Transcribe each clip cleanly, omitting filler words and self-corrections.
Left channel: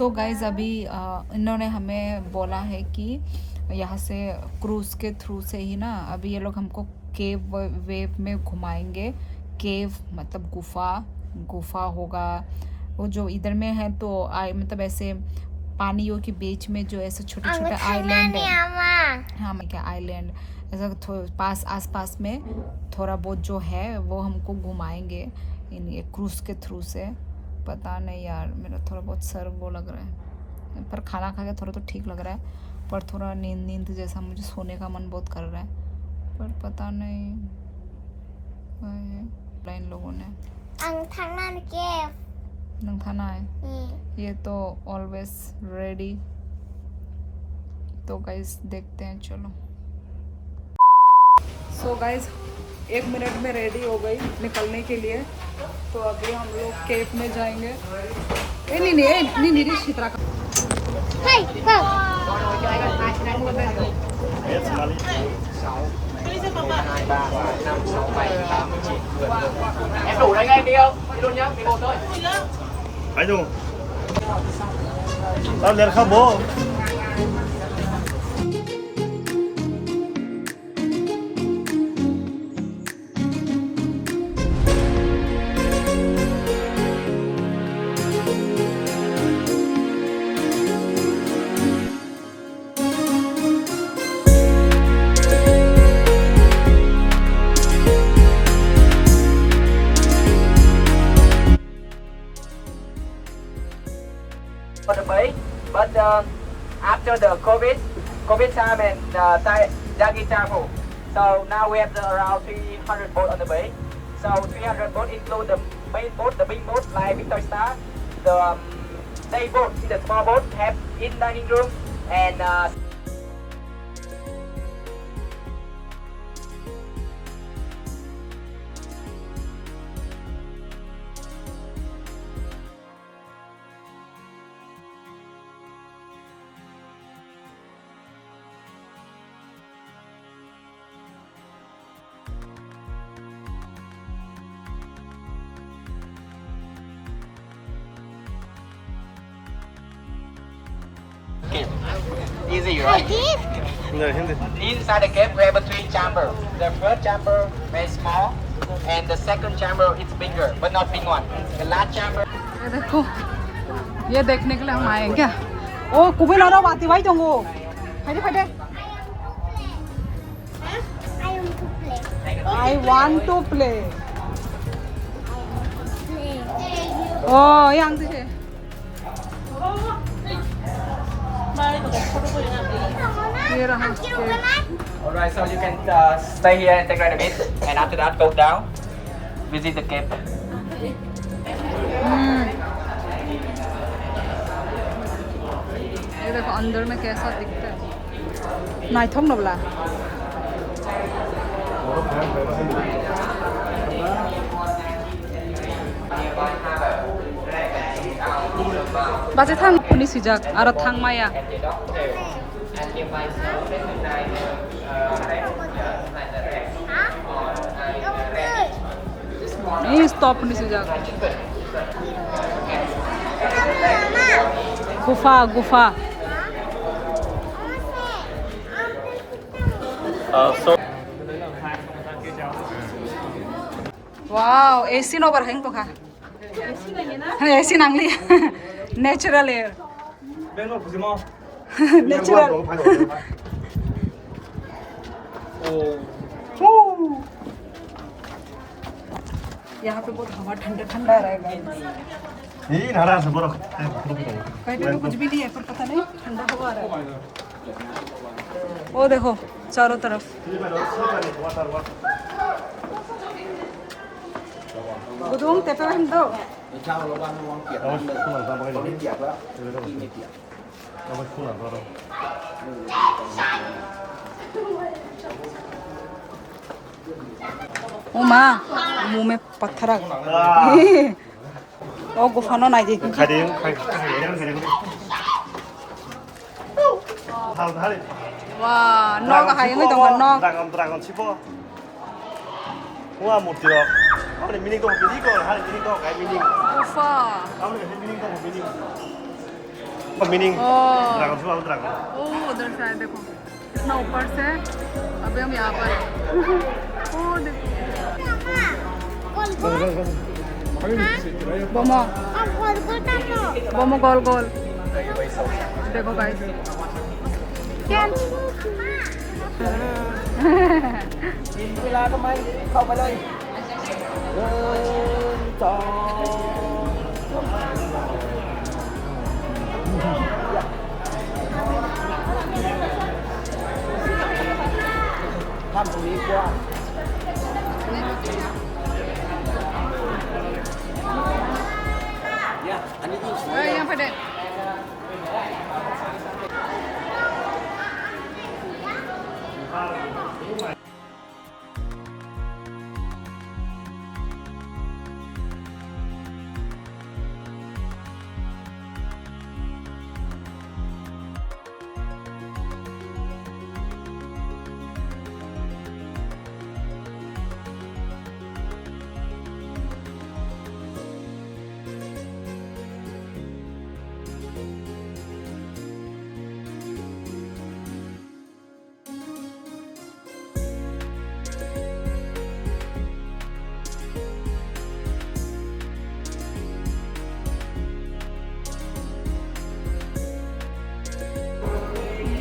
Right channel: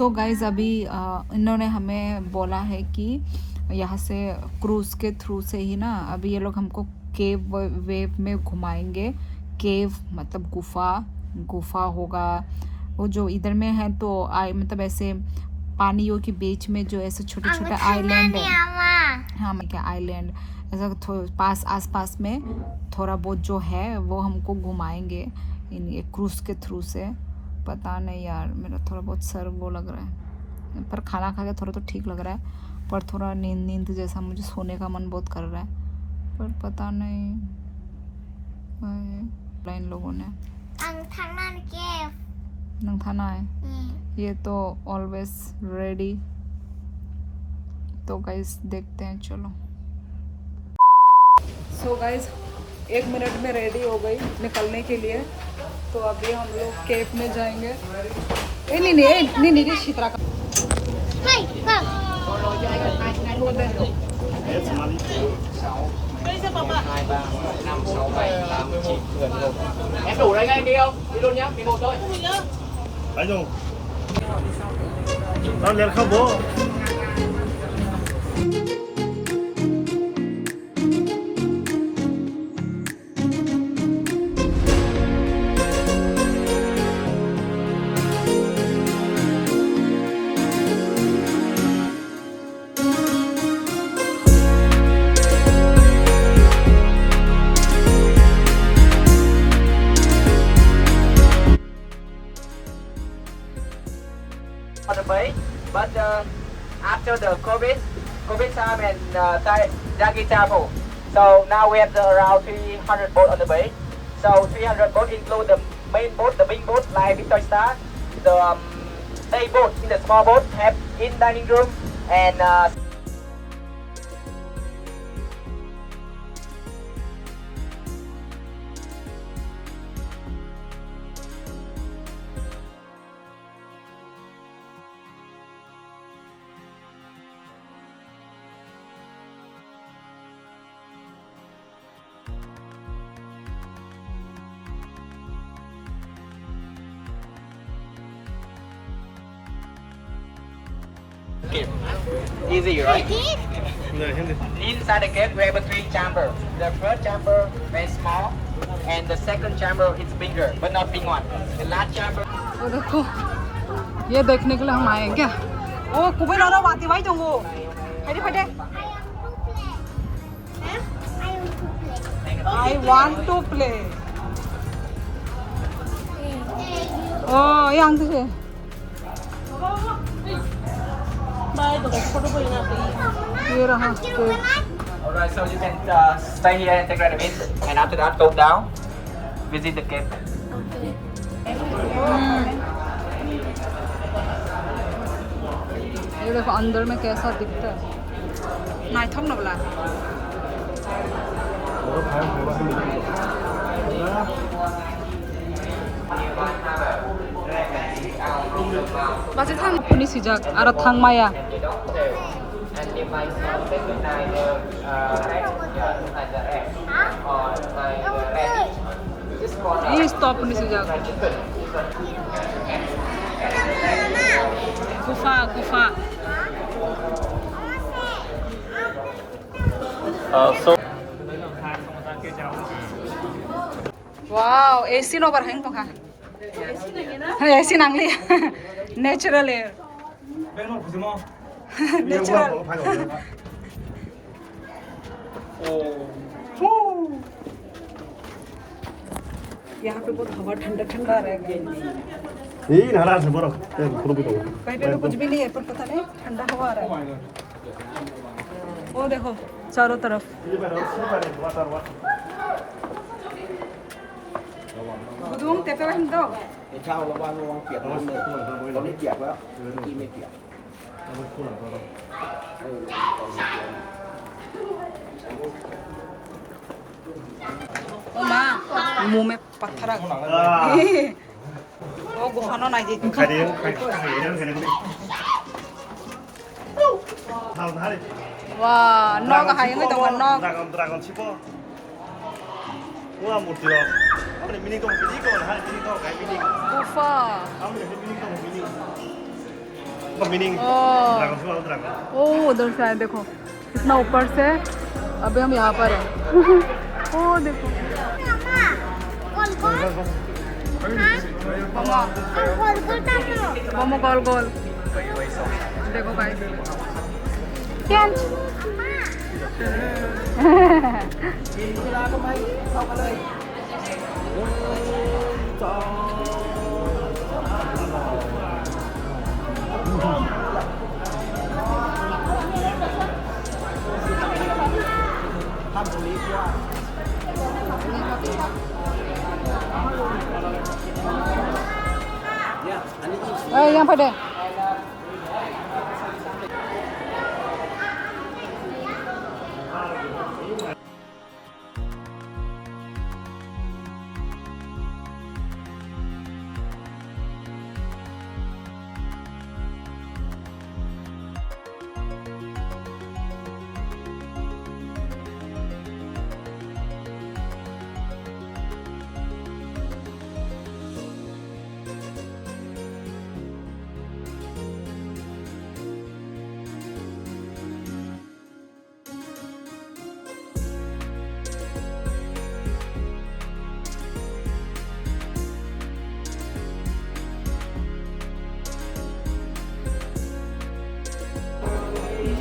So guys अभी इन्होंने हमें बोला है कि यहाँ से क्रूज़ के थ्रू से ही ना अभी ये लोग हमको केव वेव में घुमाएंगे। केव मतलब गुफा होगा वो जो इधर में है, तो मतलब ऐसे पानियों के बीच में जो ऐसे छोटे छोटे आइलैंड है। हाँ मैं क्या आइलैंड ऐसा पास आसपास में थोड़ा बहुत जो है वो हमको घुमाएंगे इन ये क्रूज़ के थ्रू से। पता नहीं यार, मेरा थोड़ा बहुत सर वो लग रहा है, पर खाना खा के थोड़ा तो ठीक लग रहा है, पर थोड़ा नींद जैसा मुझे सोने का मन बहुत कर रहा है, पर पता नहीं इन लोगों ने नंगथाना है ये तो ऑलवेज रेडी। तो गाइस देखते हैं, चलो। सो गाइस 1 मिनट में रेडी हो गई निकलने के लिए, तो अभी हम लोग केव में जाएंगे। नहीं शीतरा का Em đủ đây ngay đi không? Đi luôn nhá, đi một thôi. Phải luôn. Tao liền không bố. On the bay, but after the COVID time and Dagi travel, so now we have around 300 boat on the bay. So 300 boat include the main boat, the big boat like Victory Star, the day boat in the small boat have in dining room and okay. Easy, right? Inside the cave, we have a 3 chamber. The first chamber is small, and the second chamber is bigger, but not big one. The last chamber. ये देखो, ये देखने के लिए हम आए हैं क्या? ओ कुबे ना ना बाती भाई जंगो, फटे I want to play. yang tu je. ये रहा। Alright, so you can stay here and take a bit, and after that go down, visit the cave. ये देखो अंदर में कैसा दिखता है। नाइट हम लोग ला। Bác thang puni sijak arah thang maya. Ini stop puni sijak. Gufa. So Wow, AC no berheng tuh kah? AC nangli, natural air. Natural. यहाँ पे बहुत हवा ठंडा रहेगा। ये नाराज है बड़ा ते खुद भी कहीं पे तो कुछ भी नहीं है, पर पता नहीं ठंडा हवा आ रहा है। वो देखो चारों तरफ। Budung tepe lah tu. 你看好了吧？那往点上的，往里点了，地没点。 ओ माँ मुंह में पत्थर आ गया। ओ गुफा ना नहीं देखी। वाह नौक है ये तो नौक। गुफा मीनिंग ओह ड्रैगन फ्लावर ड्रैगन ओह उधर से आए देखो कितना ऊपर से अभी हम यहाँ पर हैं ओह देखो बोमो बोमो गोल गोल देखो गाइस क्या เวลาทำไมเข้ามาเลยทำตรงนี้กว้างเนี่ยอันนี้ยิ่ง यहाँ पर दे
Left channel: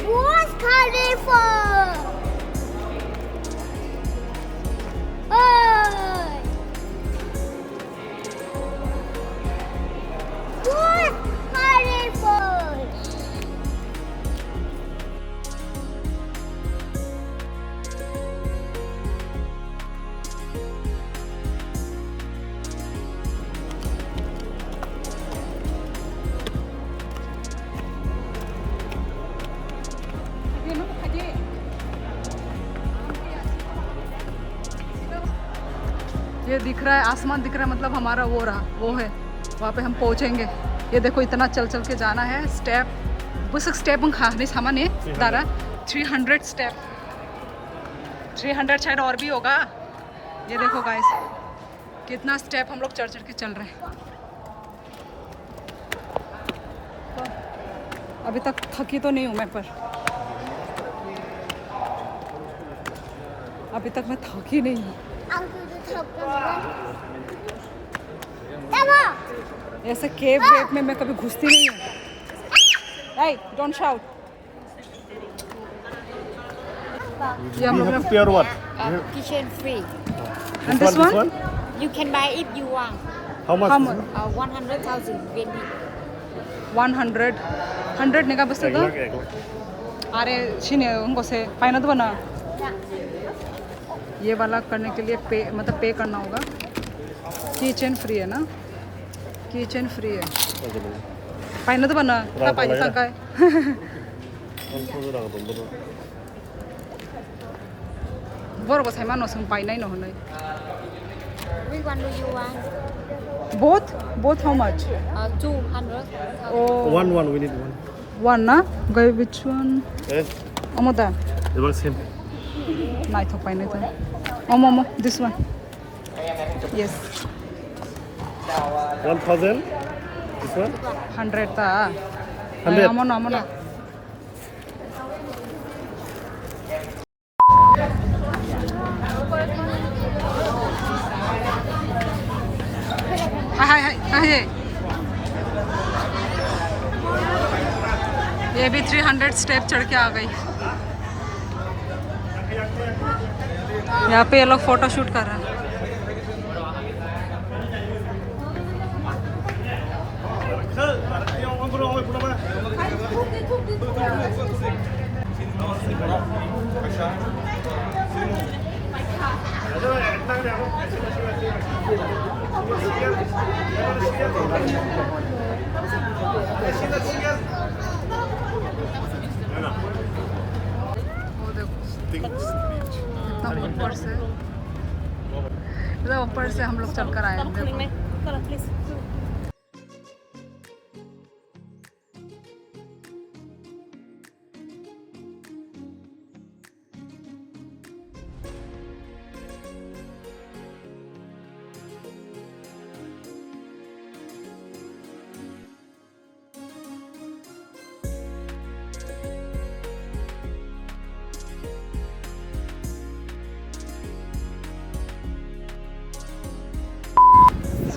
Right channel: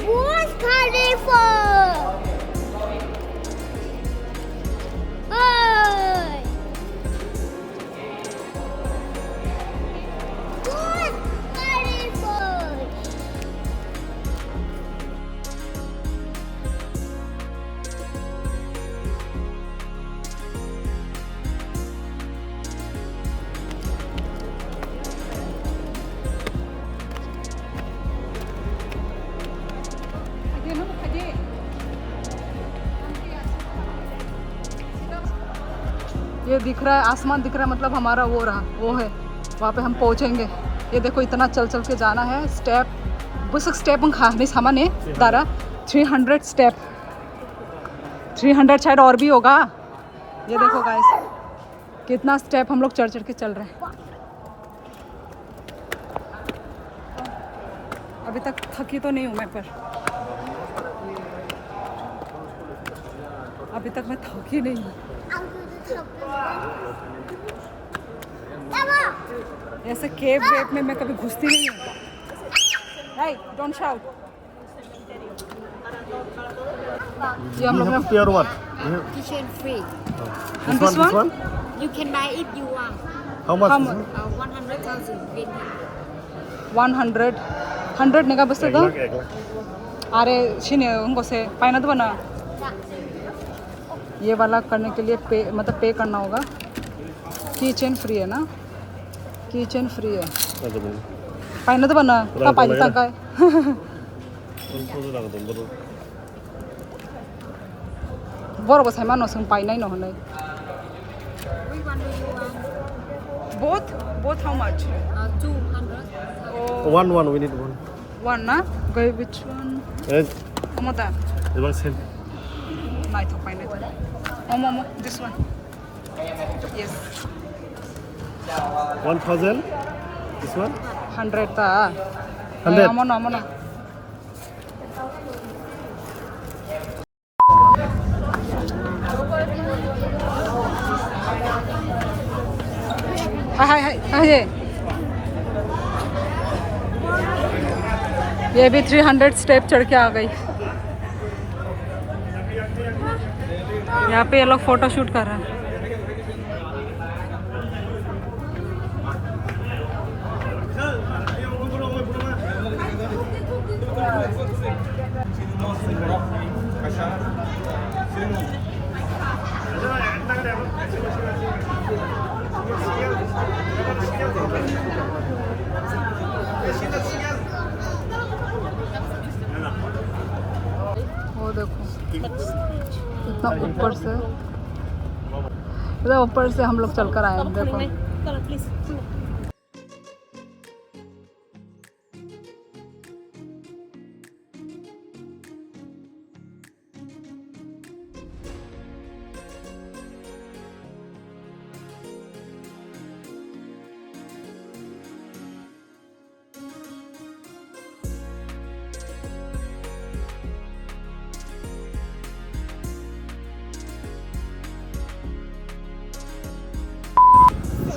Burj Khalifa. Oi. Burj Khalifa. ये दिख रहा है आसमान दिख रहा है मतलब हमारा वो रहा वो है वहाँ पे हम पहुँचेंगे ये देखो इतना चल चल के जाना है स्टेप बस स्टेप हम खाने सामान है दारा 300 स्टेप 300 शायद और भी होगा ये देखो गाइस कितना स्टेप हम लोग चढ़ चढ़ के चल रहे हैं अभी तक थकी तो नहीं हूँ मैं पर अभी तक मैं थकी नहीं हूँ ऐसे केव वेव में मैं कभी घुसती नहीं हूँ hey don't shout ये हम लोग ने pure what Kitchen free. and this one You can buy if you want. How much how much 100,000 Vietnam. 100 100 नेगा बस तो अरे छिने उनको से पाइना तो बना ये वाला करने के लिए पे मतलब पे करना होगा किचन फ्री है ना किचन फ्री है पाइना तो बना का पाजी सांका है बोरो को सामान नोसं पाइना ही न होने Which one do you want? both how much 200. oh one we need one ना गए which one Amoda the one same नहीं तो पाइने था Amo this one yes 1000 this one 100 था 100 अमो ना हाय ये भी 300 स्टेप चढ़ के आ गई यहाँ पे ये लोग फोटो शूट कर रहे हैं वो देखो कितना ऊपर से हम लोग चलकर आए हैं देखो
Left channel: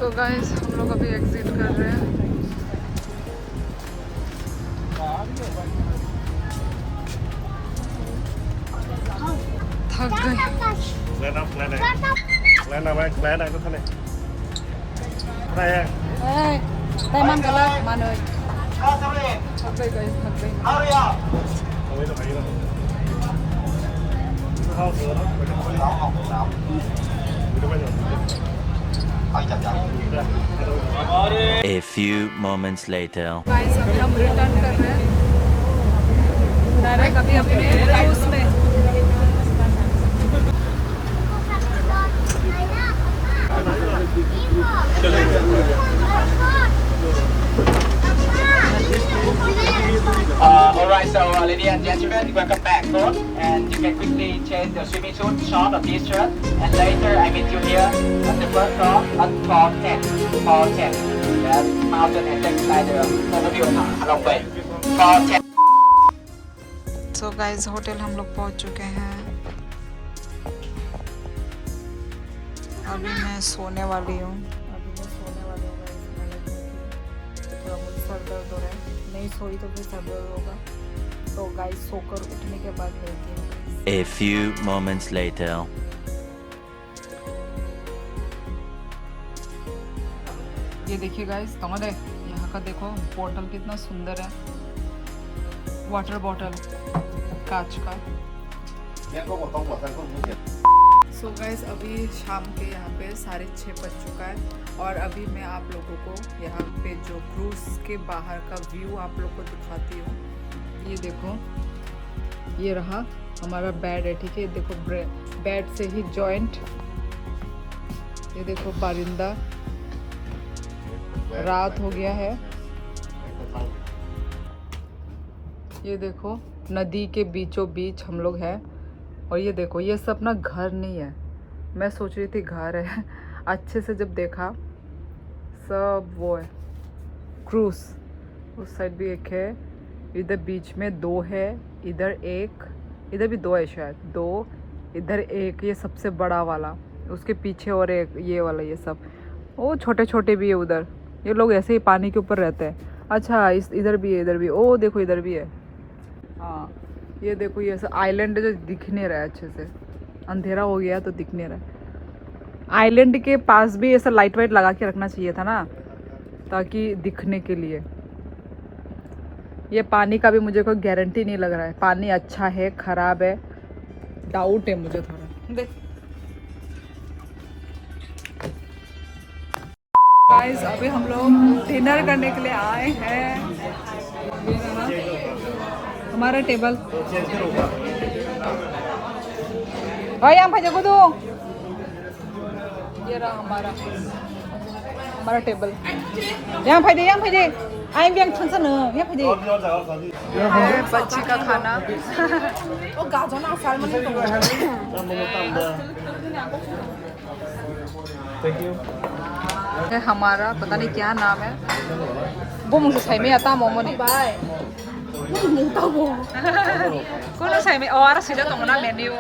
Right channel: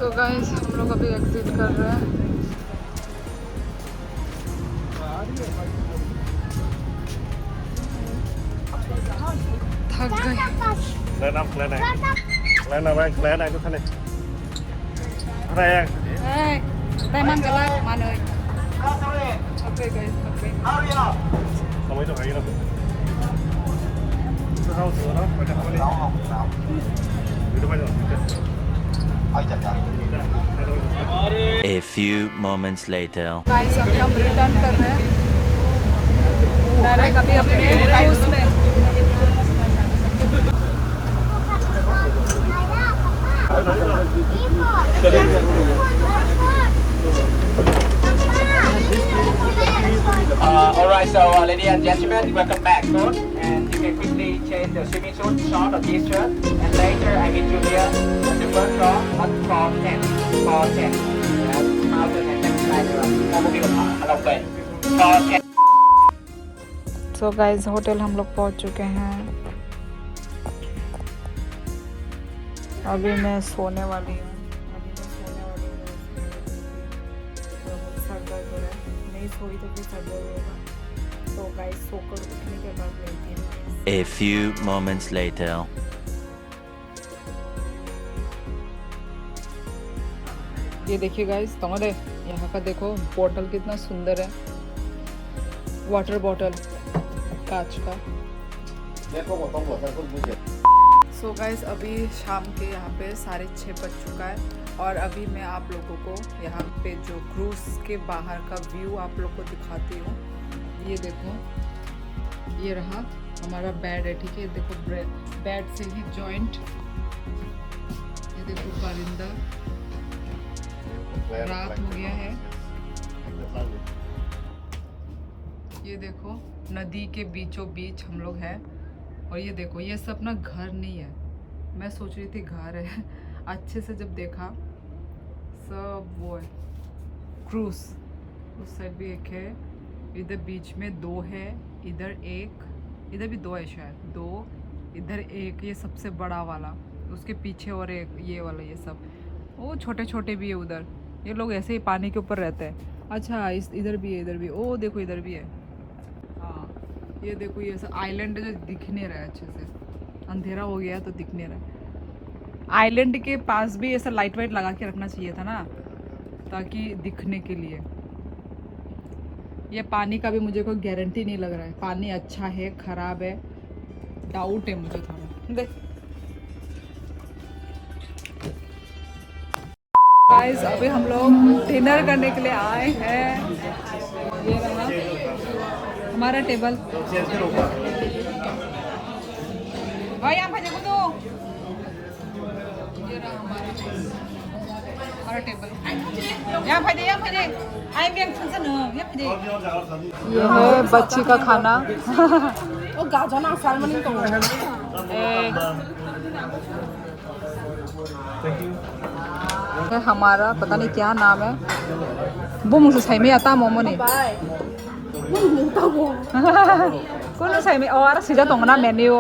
सो गाइस हम लोग अभी एग्जिट कर रहे हैं। थक गए। Lên up, lên này. Lên nào bạn, lên này có thể này. Đây anh. Tay man cái lát man ơi. Ok guys, थक गए। Ôi trời ơi. Nó thao sữa đó, phải không? Nóng. Người đâu bây giờ? Ôi chà chà. A few moments later. Guys अभी हम return कर रहे हैं direct अभी अपने cruise में। Alright, so ladies and gentlemen, welcome back home, and you can quickly change the swimming suit, short or t-shirt, and later I meet you here on the first floor on floor 10. Floor 10. Yes, mountain and take side overview of Halong Bay. Floor 10. So guys hotel हम लोग पहुंच चुके हैं। अभी मैं सोने वाली हूँ। थोड़ा बहुत सर दर्द हो रहा है, नहीं सोई तो फिर सर दर्द होगा, तो गाइस सोकर उठने के बाद लेती हूँ। A few moments later. ये देखिए गाइस, तुम्हारे यहाँ का देखो बॉटल कितना सुंदर है, वाटर बॉटल कांच का। सो गाइस अभी शाम के यहाँ पे 6:30 बज चुका है, और अभी मैं आप लोगों को यहाँ पे जो क्रूज के बाहर का व्यू आप लोग को दिखाती हूँ। ये देखो, ये रहा हमारा बेड है, ठीक है। देखो बेड से ही जॉइंट, ये देखो बारिंदा, रात हो गया है। ये देखो नदी के बीचों बीच हम लोग हैं, और ये देखो ये सब ना घर नहीं है, मैं सोच रही थी घर है अच्छे से जब देखा सब वो है क्रूज। उस साइड भी एक है, इधर बीच में 2 है, इधर एक, इधर भी 2 है शायद, 2 इधर एक, ये सबसे बड़ा वाला, उसके पीछे और एक ये वाला, ये सब वो छोटे छोटे भी है उधर। ये लोग ऐसे ही पानी के ऊपर रहते हैं। अच्छा इधर भी है, इधर भी, ओ देखो इधर भी है। हाँ ये देखो, ये ऐसा आइलैंड जो दिख नहीं रहा है अच्छे से, अंधेरा हो गया तो दिख नहीं रहा है। आइलैंड के पास भी ऐसा लाइट वाइट लगा के रखना चाहिए था ना, ताकि दिखने के लिए। ये पानी का भी मुझे कोई गारंटी नहीं लग रहा है, पानी अच्छा है ख़राब है, डाउट है मुझे थोड़ा। देख गाइस अभी हम लोग डिनर करने के लिए आए हैं। ये रहा हमारा टेबल। भाई यहाँ भैया को दो। ये रहा हमारा टेबल। यहाँ भाई आई भी यहाँ भाई। ये है बच्ची का खाना। है हमारा, पता नहीं क्या नाम है। कौन सा में और सीधा तो ना menu.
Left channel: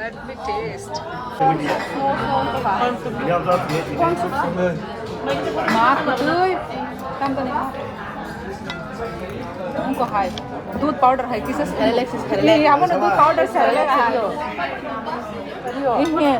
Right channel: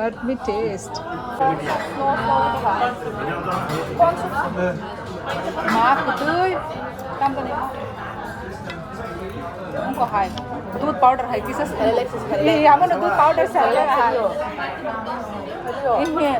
Let me taste. Má của tươi. Tam cái này không có hay. दूध पाउडर है किसे? ये हम ना दूध पाउडर से लगा है। इन्हें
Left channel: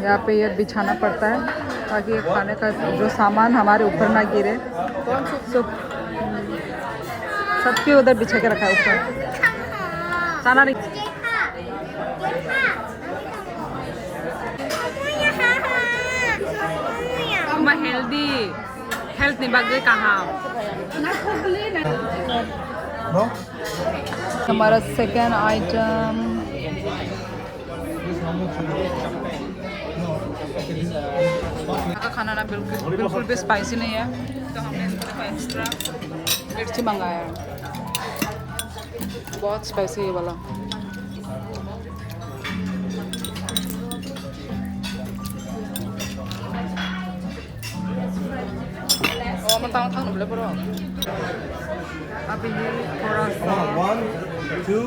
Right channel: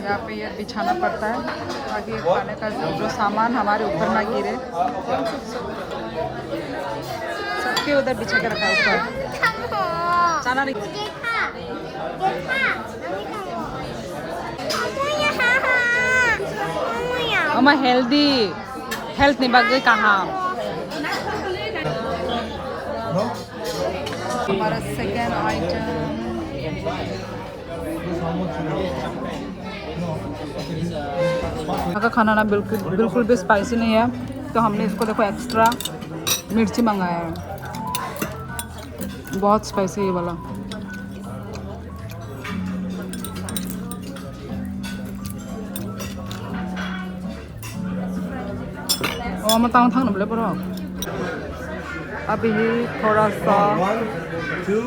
यहाँ पे ये बिछाना पड़ता है ताकि खाने का जो सामान हमारे ऊपर ना गिरे। सबके उधर बिछा के रखा है ऊपर। चाना नहीं मैं हेल्थ नहीं बाग गई कहाँ। हमारा सेकेंड आइटम यहाँ का खाना ना बिल्कुल भी स्पाइसी नहीं है, तो हमने इसको देखो एक्स्ट्रा मिर्ची मंगाया है। बहुत स्पाइसी है वाला। तांग थांग नमले बरो अभी थोड़ा सा 1 2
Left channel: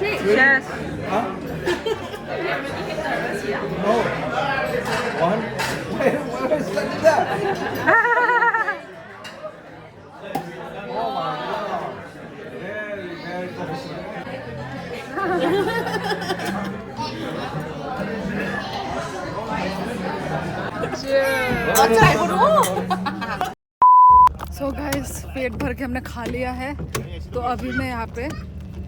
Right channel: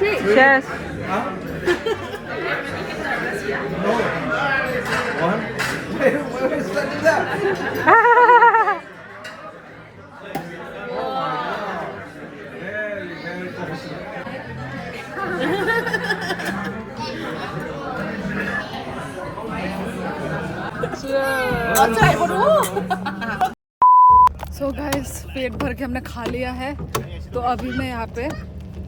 शेष Huh? No. 1. Wait, let's do that. Oh my god. Very, very professional. So guys पेट भर के हमने खा लिया है तो अभी मैं यहाँ पे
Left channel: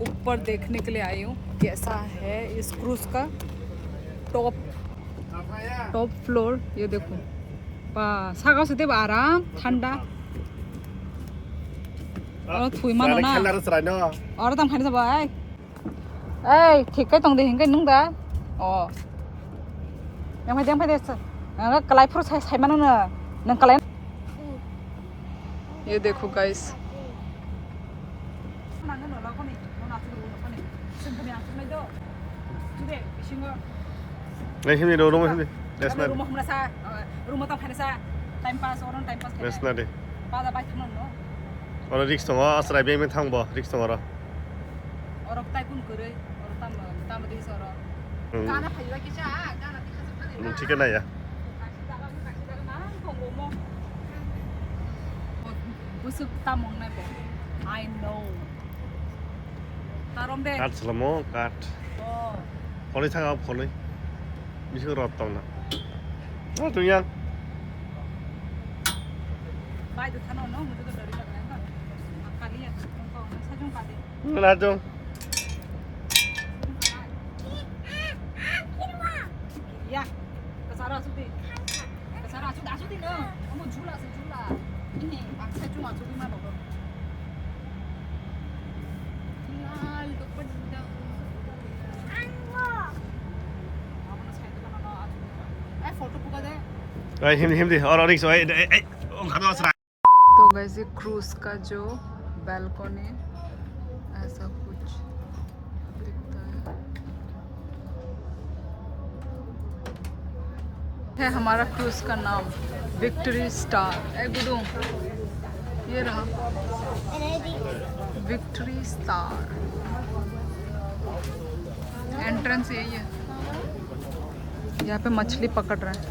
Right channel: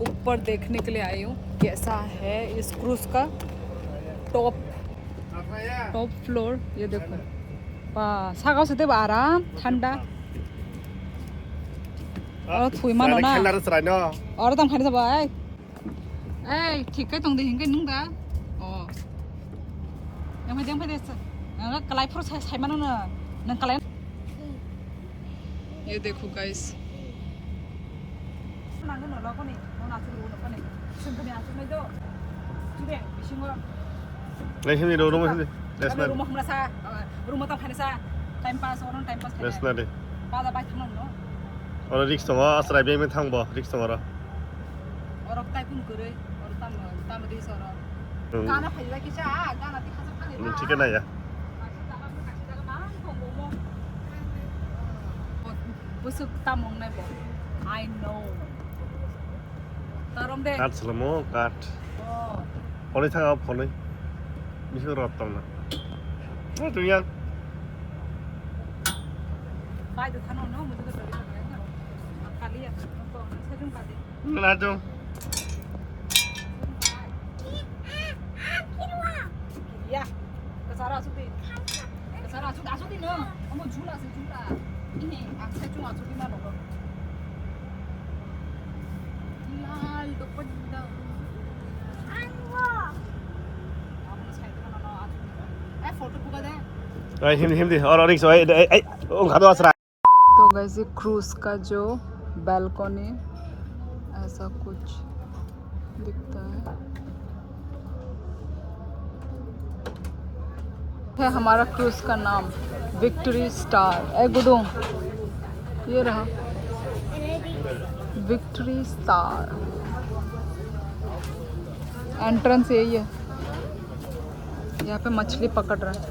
ऊपर देखने के लिए आई हूँ कैसा है इस क्रूज का टॉप फ्लोर। ये देखो सागाव से आराम ठंडा और थुई मानो ना और तम खाने सब ऐ ठीक है तंग दे हिंगे नुंग दा ओยังไม่ได้कलाई फ्रो साइ मानो ना नंग कलाई। ये देखो गाइस नांगन न लको नि न नासु रु न पनि सिंपल यासु नै दो जुदे बिसिंगो Này hình đồ đúng không? That's Kami rumah merasa rumah tam khanesa time pass orang time pass That's not it. pada bai thang no Orang risk tong ah serai biang thang ba risk tong ara. orang tai pun kere orang tam di soro kana phai ki cha kana ti khasa khane ठीक है ना यार. busuk tamong nai bo I know tarom de Kat selamo kat. oh Phone thang ah phone. Bisa rot tong na. Ah tu yang. bai de thano no mujhe to डर लग रहा है ना काली है हमको सजूं का दे Na jo. या कसरा आसु दे न हम झूला से झूला ini akses cuma asu di mana dong lal do pedda anggo amana side kana no ai photo पुगा दे Ai हिंदी और रिक्स ai ai खादो असरा. तो वैसे क्रूज का जो बालकनी ऐसा कुछ दिखता है हमारा क्रूज का नाम विक्ट्री स्टार ए गुडू ये रहा विक्ट्री स्टार एंट्रेंस यही है यहाँ पे मछली पकड़ रहे हैं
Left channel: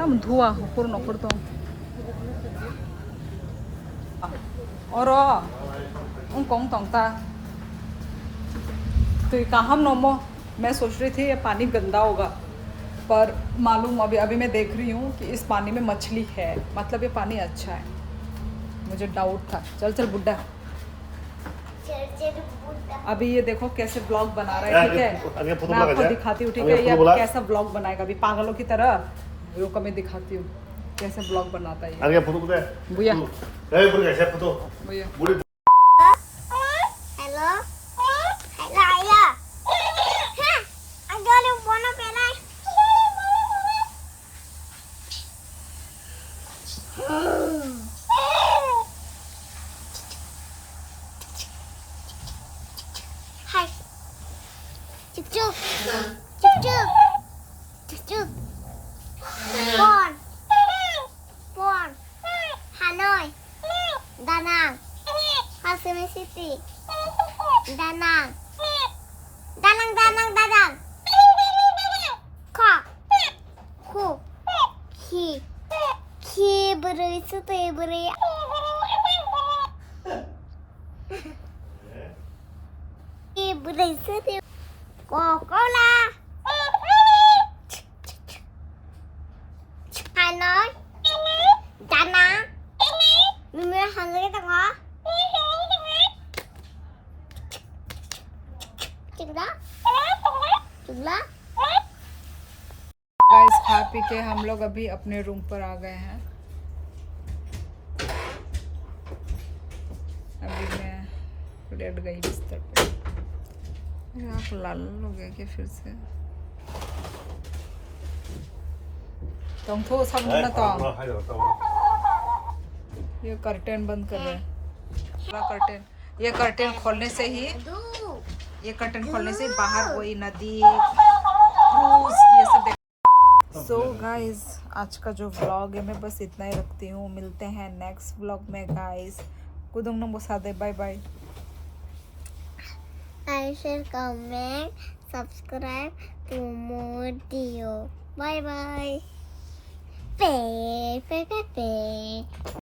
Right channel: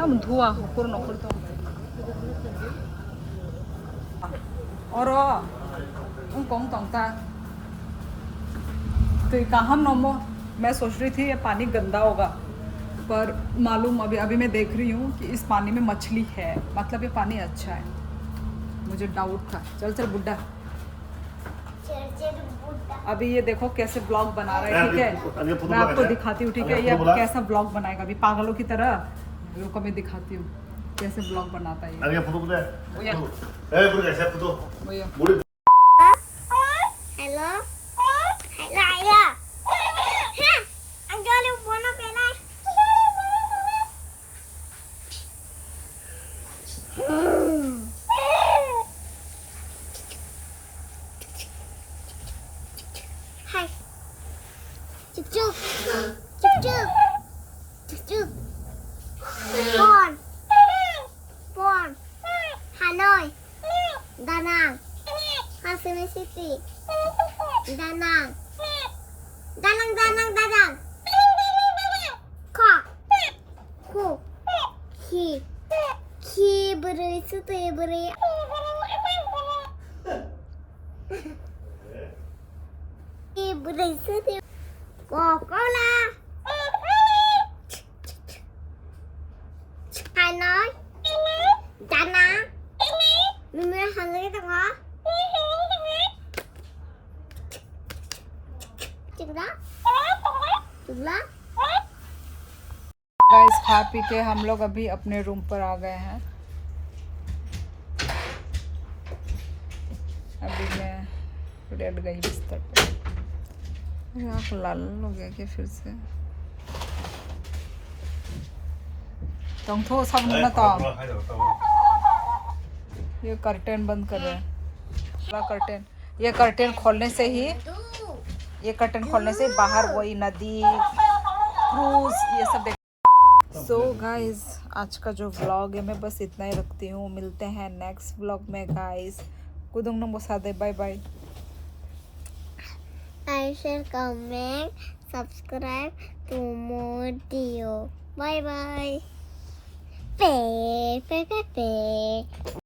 हम धुआ पूर्ण तो और उन कौन तोंगता तो कहाँ नोमो मैं सोच रही थी ये पानी गंदा होगा पर मालूम अभी मैं देख रही हूँ कि इस पानी में मछली है मतलब ये पानी अच्छा है मुझे डाउट था चल बुड्ढा अभी ये देखो कैसे ब्लॉग बना रहा है ठीक है मैं आपको दिखाती हूँ ठीक है ये कैसा ब्लॉग बनाएगा अभी पागलों की तरह रुको मैं दिखाती हूँ कैसे ब्लॉग बनाता है Aja foto deh. भैया Eh pergi saya foto. भैया Boleh. Hello? Hello? Ha? Anggal yung bono penay. Hai. Chụp chụp. Chụp chụp. Chụp chụp. Bon. Bon. Hà Nội. Đà Nẵng. Hồ Chí Minh City. Đà Nẵng. Đà Nẵng. Kho. Khu. Khi beri City beri. Khi beri City. Coca-Cola. Hà Nội. Đà Nẵng. Mình mới hành cái tao hả? Chừng đó. Guys खा P के हम लोग अभी अपने room पर आ गए हैं अभी मैं लेट गई बिस्तर पे आँख लाल हो गया क्या फिर से तुम थो सब ना तो ये कर्टेन बंद कर रहे हैं पूरा कर्टेन ये कर्टेन खोलने से ही बाहर वही नदी क्रूज ये सब सो गाइस आज का जो व्लॉग है मैं बस इतना ही रखती हूँ. मिलते हैं नेक्स्ट व्लॉग में गाइस. कुदुंग नंबर सादे bye bye. I share, comment, subscribe to more video. Bye bye. Pe pe pe pe.